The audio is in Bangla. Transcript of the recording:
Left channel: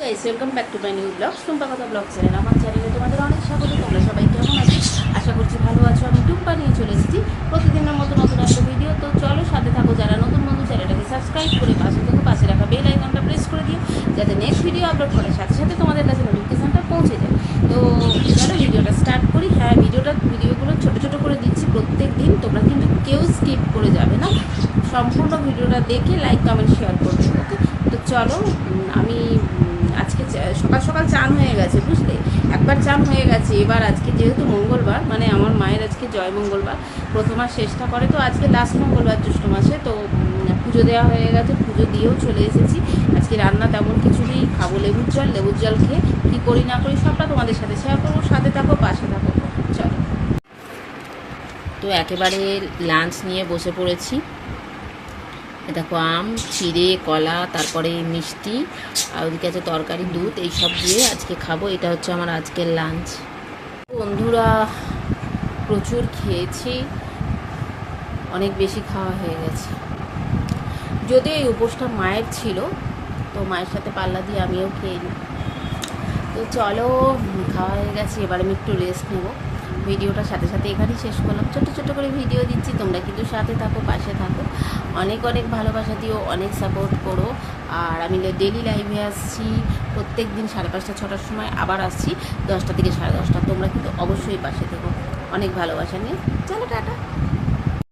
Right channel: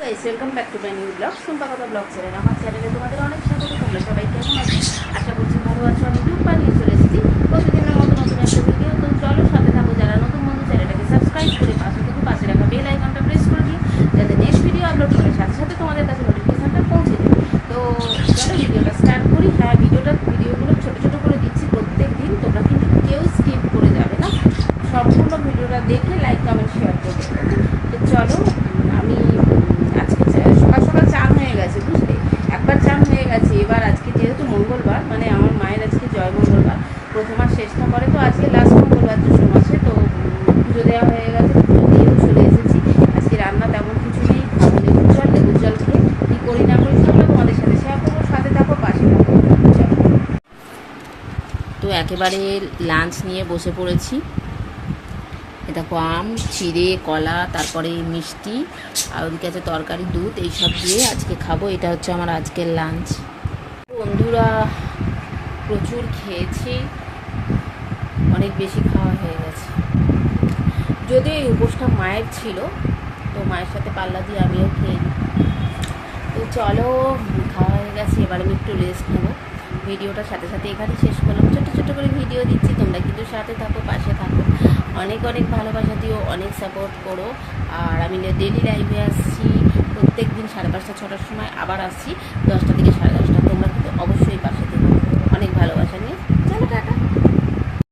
Welcome back to my new blog Sumpa কথা ব্লগ চ্যানেল আমার চ্যানেলে তোমাদের অনেক স্বাগত, তোমরা সবাই কেমন আছো? আশা করছি ভালো আছো, আমি টুক বানিয়ে চলে এসেছি প্রতিদিনের মতো নতুন একটা ভিডিও তো চলো সাথে থাকো, যারা নতুন বন্ধু, চ্যানেলটাকে সাবস্ক্রাইব করে পাশে থেকে, পাশে রাখা বেল আইকনটা প্রেস করে দিও, যাতে নেক্সট ভিডিও আপলোড করার সাথে সাথে তোমাদের কাছে নোটিফিকেশনটা পৌঁছে যায়। তো চলো ভিডিওটা স্টার্ট করি। হ্যাঁ ভিডিওটা ভিডিওগুলো ছোটো ছোটো করে দিচ্ছি প্রত্যেক দিন, তোমরা কিন্তু কেউ স্কিপ করে যাবে না। সম্পূর্ণ ভিডিওটা দেখে লাইক কমেন্ট শেয়ার করবে ওকে তো চলো উম, আমি উম, আজকে চা- সকাল সকাল চান হয়ে গেছে, বুঝলে? একবার চান হয়ে গেছে। এবার আজকে যেহেতু মঙ্গলবার মানে আমার মায়ের আজকে জয় মঙ্গলবার, প্রথম আর শেষটা করে তো আজকে লাস্ট মঙ্গলবার জ্যৈষ্ঠ মাসে, তো পুজো দেওয়া হয়ে গেছে, পুজো দিয়েও চলে এসেছি। আজকে রান্না তেমন কিছু নেই, খাব লেবুর জল লেবুর জল খেয়ে কী করি না করি সবটা তোমাদের সাথে শেয়ার করব, সাথে থাকো, পাশে থাকো। তো একেবারে লাঞ্চ নিয়ে বসে পড়েছি। দেখো আম, চিড়ে, কলা, তারপরে মিষ্টি, আর ওদিকে আছে তরকারি, দুধ, এইসব দিয়ে আজকে খাব। এটা হচ্ছে আমার আজকের লাঞ্চ বন্ধুরা, প্রচুর খেয়েছি। অনেক বেশি খাওয়া হয়ে গেছে। যদিও এই উপোসটা মায়ের ছিল, তো মায়ের সাথে পাল্লা দিয়ে আমিও খেয়ে নিই। তো চলো, খাওয়া হয়ে গেছে, এবার আমি একটু রেস্ট নেব। ভিডিওটার সাথে সাথে এখানেই শেষ করলাম। ছোটো ছোটো করে ভিডিও দিচ্ছি, তোমরা কিন্তু সাথে থাকো, পাশে থাকো। অনেক অনেক ভালোবাসা দিও, অনেক সাপোর্ট করো। আর আমি ডেলি লাইভে আসছি, প্রত্যেক দিন সাড়ে পাঁচটা, ছটার সময় আবার আসছি, দশটা থেকে সাড়ে দশটা। তোমরা কিন্তু অবশ্যই পাশে থেকো। অনেক ভালোবাসা নিয়ে। চলো, টাটা।